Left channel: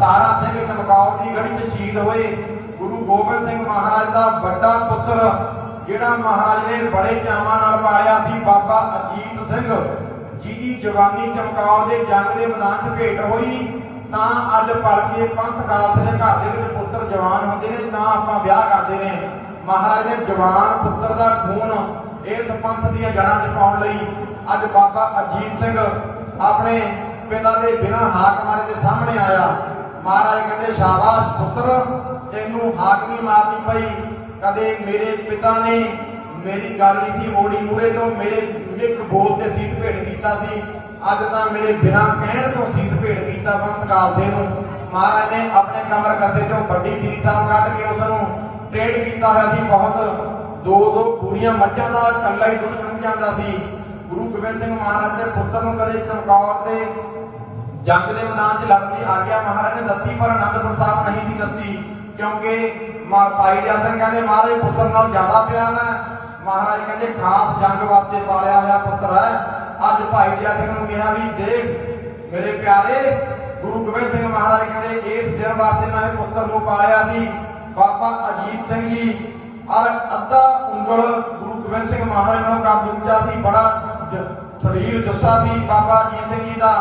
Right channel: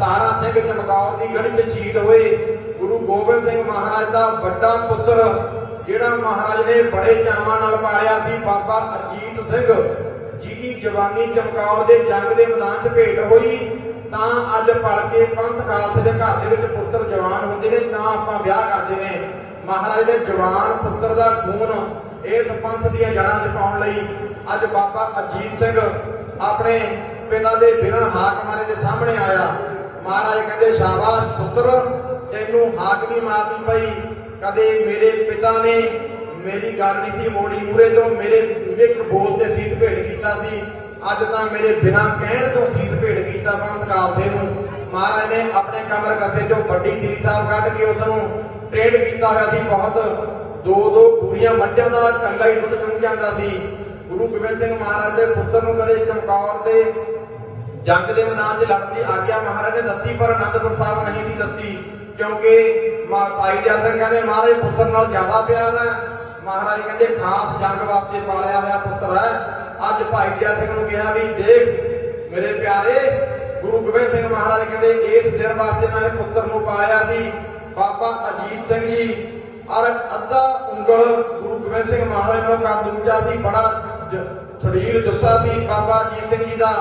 ਤਾਰਾ ਸਿੰਘ ਚਮਕੌਰ ਦੀ ਗੜੀ 'ਚ ਸ਼ਹੀਦ ਹੋਏ, ਗੁਰੂ ਗੋਬਿੰਦ ਸਿੰਘ ਮਹਾਰਾਜ ਦਾ ਵੱਡਾ ਪੁੱਤਰ, ਜਿਹੜਾ ਮਹਾਰਾਜ ਨੇ ਬੜੇ ਚਾਵਾਂ ਨਾਲ ਪਾਲਿਆ ਸੀ, ਬਾਬਾ ਅਜੀਤ ਸਿੰਘ। ਜਿਹਦੀ ਜਵਾਨੀ ਚਮਕੌਰ ਦੇ ਜੰਗ ਦੇ ਮੈਦਾਨ 'ਚ ਭੇਟ ਹੋਈ, ਤਾਂ ਅੱਜ ਪਲਕੇ ਪੰਥ ਖਾਲਸੇ ਦੇ ਘਰ ਦੇ ਵਿੱਚ ਪੁੱਤਰ ਜਵਾਨ ਹੁੰਦੇ ਨੇ, ਤਾਂ ਆਪਾਂ ਵਿਆਹ ਕਰਦੇ ਨੇ। ਮਹਾਰਾਜ ਨੇ ਜਵਾਨ ਪੁੱਤਰ ਦਾ ਖੂਨ ਇਸ ਪੰਥ ਦੀਆਂ ਜੜ੍ਹਾਂ 'ਚ ਪਾਉਣ ਲਈ ਅੱਜ ਬਾਬਾ ਅਜੀਤ ਸਿੰਘ ਆਪਣੇ ਪਿਤਾ ਦੇ ਬਿਨਾਂ ਹਾਕ ਮਾਰੇ ਦੇ ਸਾਹਮਣੇ ਆਇਆ। ਮਹਾਰਾਜ ਕਹਿੰਦੇ, ਸ਼ਾਬਾਸ਼ ਪੁੱਤਰ, ਤੈਨੂੰ ਹਾਕ ਨਹੀਂ ਮਾਰਨੀ ਪਈ। ਕਦੇ ਮੇਰੇ ਪਿਤਾ ਨੇ ਮੇਰੀ ਗੱਲ ਨਹੀਂ ਸੀ ਮੋੜੀ ਮੂਰੇ ਤੋਂ ਮੇਰੇ ਇੱਕ ਬੋਲ ਤੇ ਸੀਸ ਭੇਟ ਕੀਤਾ ਸੀ। ਅੱਜ ਤਾਂ ਮੇਰੇ ਬਿਨਾਂ ਕਹਿਣ ਤੋਂ ਸੀਸ ਭੇਟ ਕੀਤਾ ਬੰਦ ਕਾਲਦੇ ਨੂੰ। ਮਹਾਰਾਜ ਨੇ ਆਪਣੇ ਕਮਰ ਕਸੇ ਚੋਂ ਵੱਡੀ ਸ੍ਰੀ ਸਾਹਿਬ ਕੱਢ ਕੇ ਉਸ ਨੂੰ ਟ੍ਰੇਡ ਕੀਤਾ ਹੋਇਆ ਸੀ ਬਹੁਤ। ਦੋ ਦੋ ਪੂਰੀਆਂ ਮੱਝਾਂ ਦਾ ਇਕੱਲਾ ਹੀ ਦੁੱਧ ਚੁੰਗ ਜਾਂਦਾ ਸੀ। ਗੁਰੂ ਗੋਬਿੰਦ ਸਿੰਘ ਮਹਾਰਾਜ ਦੇ ਪੁੱਤਰ ਨੂੰ ਕਦੇ ਚਮਕੌਰ ਤੇ ਜੰਗ ਦੇ ਮੈਦਾਨ 'ਚ ਲੜਨ ਦੀ ਆਗਿਆ ਮਹਾਰਾਜ ਨੇ ਦਿੱਤੀ, ਪਰ ਅਨੰਦਪੁਰ ਸਾਹਿਬ ਨਹੀਂ ਸੀ ਦਿੱਤੀ, ਕਿਉਂਕਿ ਭਾਈ ਜਨ ਕਹਿੰਦੇ, ਮਹਾਰਾਜ, ਪੁੱਤਰ ਨਾਲ ਜ਼ਿਆਦਾ ਪਿਆਰ ਹੈ। ਮਹਾਰਾਜ ਕਹਿੰਦੇ, ਖਾਸ ਜੰਗ ਵਾਸਤੇ ਪਾਲਿਆ ਹੋਇਆ ਪੁੱਤਰ ਹੈ। ਅੱਜ ਭਾਈ ਜਨ ਨੂੰ ਕਿਹਾ ਵੀ, ਦੇਖ, ਮੇਰੇ ਪਿਆਰੇ, ਗੁਰੂ ਗੋਬਿੰਦ ਸਿੰਘ ਮਹਾਰਾਜ ਕਹਿੰਦੇ, ਇਸ ਦਿਨ ਵਾਸਤੇ ਮੈਂ ਪੁੱਤਰ ਨੂੰ ਪਾਲਿਆ ਸੀ। ਬਾਬਾ ਅਜੀਤ ਸਿੰਘ ਜੀ ਔਰ ਅੱਧਾ ਉਂਗਲ ਗੁਰੂ ਗੋਬਿੰਦ ਸਿੰਘ ਮਹਾਰਾਜ ਨੂੰ ਕਾ ਦੂਜਾ ਸੀ। ਬੜਾ ਸਰੀਰ ਜੱਸਾ ਸੀ ਬਾਬਾ ਅਜੀਤ ਸਿੰਘ ਜੀ ਦਾ।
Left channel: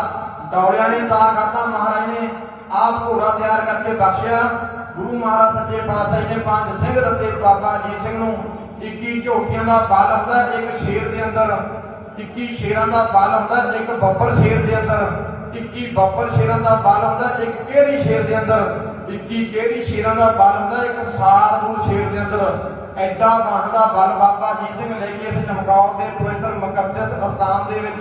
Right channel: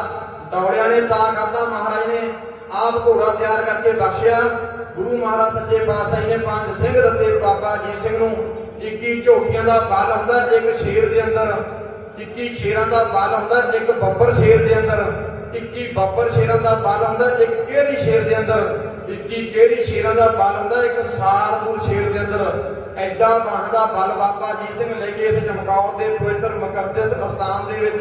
ਦੌੜਿਆ ਨੇ ਤਾਂ ਕਰਦਾ ਮਹਾਰਾਜ ਨੇ ਆਪ ਘੋੜਾ ਤਿਆਰ ਕਰਕੇ ਬਖਸ਼ਿਆ। ਗੁਰੂ ਮਹਾਰਾਜ ਸੱਚੇ ਪਾਤਸ਼ਾਹ ਨੇ ਪੰਜ ਸਿੰਘ ਦਿੱਤੇ ਬਾਬਾ ਅਜੀਤ ਸਿੰਘ ਨੂੰ। 21 ਝੋਟੀਆਂ ਦਾ ਬਲ ਹੁੰਦਾ, ਇੱਕ ਸ਼ੇਰ ਦੇ ਅੰਦਰ। 21 ਸ਼ੇਰਾਂ ਦਾ ਬਲ ਹੁੰਦਾ, ਇੱਕ ਬੱਬਰ ਸ਼ੇਰ ਦੇ ਅੰਦਰ। 21 ਬੱਬਰ ਸ਼ੇਰਾਂ ਦਾ ਬਲ ਹੁੰਦਾ, ਇੱਕ ਕਿਹੜੀ ਸ਼ੇਰ ਦੇ ਅੰਦਰ? 21 ਕਿਹੜੀ ਸ਼ੇਰਾਂ ਦਾ ਬਲ ਹੁੰਦਾ, ਇੱਕ ਸਾਰਪੁਰ ਸ਼ੇਰ ਦੇ ਅੰਦਰ। ਐਡਾ ਦਾ ਬਲ ਬਾਬਾ ਜੀ ਸਿੰਘ ਲੈ ਕੇ ਇਸ ਚਮਕੌਰ ਦੇ ਪਵਿੱਤਰ ਮੁਕੱਦਸ ਅਸਥਾਨ ਦੇ ਵਿੱਚ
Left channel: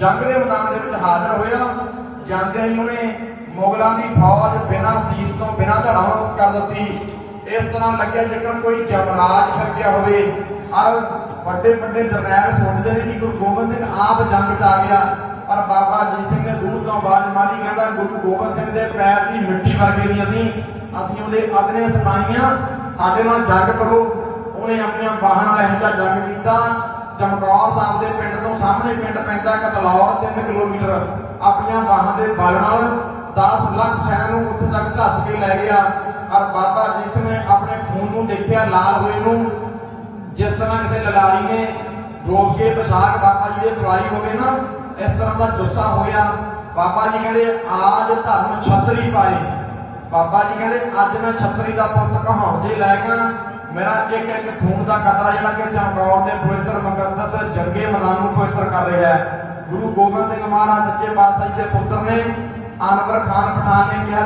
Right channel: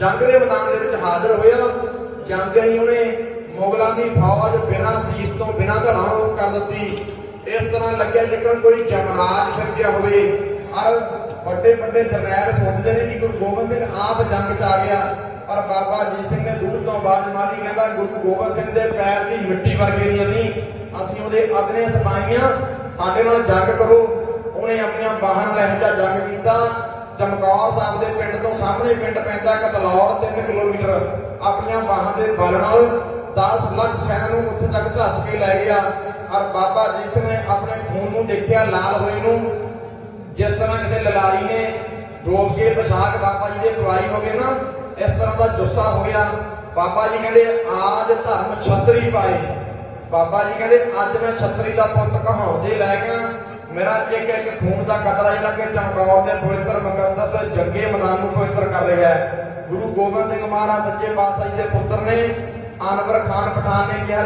ਜੰਗ ਦੇ ਮੈਦਾਨ ਦੇ ਵਿੱਚ ਹਾਜ਼ਰ ਹੋਇਆ। ਜਾਂਦੇ ਹੀ ਉਹਨੇ ਮੁਗਲਾਂ ਦੀ ਫੌਜ ਬਿਨਾਂ ਸੀਸ ਤੋਂ, ਬਿਨਾਂ ਧੜਾਉ ਕਰ ਦਿੱਤੀ। ਇਸ ਤਰ੍ਹਾਂ ਲੱਗਿਆ ਜਿਵੇਂ ਕੋਈ ਜਮਰਾਜ ਫਿਰਦਿਆ ਹੋਵੇ। ਔਰ ਵੱਡੇ ਵੱਡੇ ਜਰਨੈਲ ਸੋਚਦੇ ਨੇ ਕਿ ਗੁਰੂ ਗੋਬਿੰਦ ਸਿੰਘ ਆਪ ਜੰਗ 'ਚ ਆ ਗਿਆ। ਪਰ ਬਾਬਾ ਜੀ ਸਿੰਘ ਨੇ ਦੂਰ ਤੋਂ ਆਵਾਜ਼ ਮਾਰੀ, ਕਹਿੰਦਾ, ਗੁਰੂ ਗੋਬਿੰਦ ਸਿੰਘ ਦੇ ਪੈਰ ਦੀ ਮਿੱਟੀ ਵਰਗੀ ਮਿਲਣੀ ਅਸੀਂ ਉਹਦੇ ਆਦਨੇ ਸੁਣਾਈਆਂ ਸਾਡੇ ਨਾਲ ਜੰਗ ਕਰੋ। ਉਹਨੇ ਆਪਣੀਆਂ ਬਾਹਾਂ ਲਹਿਜਾ ਜੰਗ ਕੀਤਾ। ਚਮਕੌਰ ਸਾਹਿਬ ਦੇ ਪਿੰਡ ਤੋਂ ਸਾਹਮਣੇ ਪਿੰਡ ਪੈਂਦਾ ਕਤਲੌਰ 3 ਕਿਲੋਮੀਟਰ। ਆਪਣੀਆਂ ਬਾਹਾਂ ਦੇ ਬਲ ਨਾਲ 10 ਲੱਖ ਸੈਨਾਂ ਨੂੰ ਉੱਥੇ ਤੱਕ ਧੱਸ ਕੇ ਲੈ ਗਿਆ। ਔਰ ਬਾਬਾ ਜੀ ਸਿੰਘ ਨੇ ਆਪਣੇ ਖੂਨ ਨੂੰ ਦੇਖਿਆ ਲਾਲ ਹੋਏ ਨੂੰ। ਜਿਸ ਤਰ੍ਹਾਂ ਕਿਸੇ ਲਲਾਰੀ ਨੇ ਡੋਬ ਕੇ ਪਸ਼ਾਕ ਬਾਬਾ ਜੀ ਦੇ ਪਵਾਈ ਹੋਵੇ ਨਾ, ਇਸ ਤਰ੍ਹਾਂ ਦਾ ਗੁੱਸਾ ਹੋਇਆ ਬਾਬਾ ਜੀ ਕਹਿੰਦੇ, ਆਜ ਧਰਮ ਛਤਰੀ ਪਾਏ। ਬਾਬਾ ਜੀ ਕਹਿੰਦੇ, ਅੱਜ ਮੈਂ ਛਤਰੀ ਦਾ ਪੁੱਤ ਕਹਾਉਂਦੇ ਲੈ ਗਿਆ। ਮੇਰਾ ਇੱਕ ਇੱਕ ਖੂਨ ਦਾ ਕਤਰਾ ਜਿਹੜਾ ਕਿ ਚਮਕੌਰ ਦੇ ਪਵਿੱਤਰ ਮੁਕੱਦਸ ਜੰਗੇ ਮੈਦਾਨ ਨੂੰ ਪਵਿੱਤਰ ਕਰ ਰਿਹਾ ਗੁਰੂ ਗੋਬਿੰਦ ਸਿੰਘ ਮਹਾਰਾਜ ਸੱਚੇ ਪਾਤਸ਼ਾਹ ਜੀ ਦੇ ਪੁੱਤਰ ਨੇ, ਅਨਵਰ ਖਾਨ ਪਠਾਨ ਨੇ ਕਿਹਾ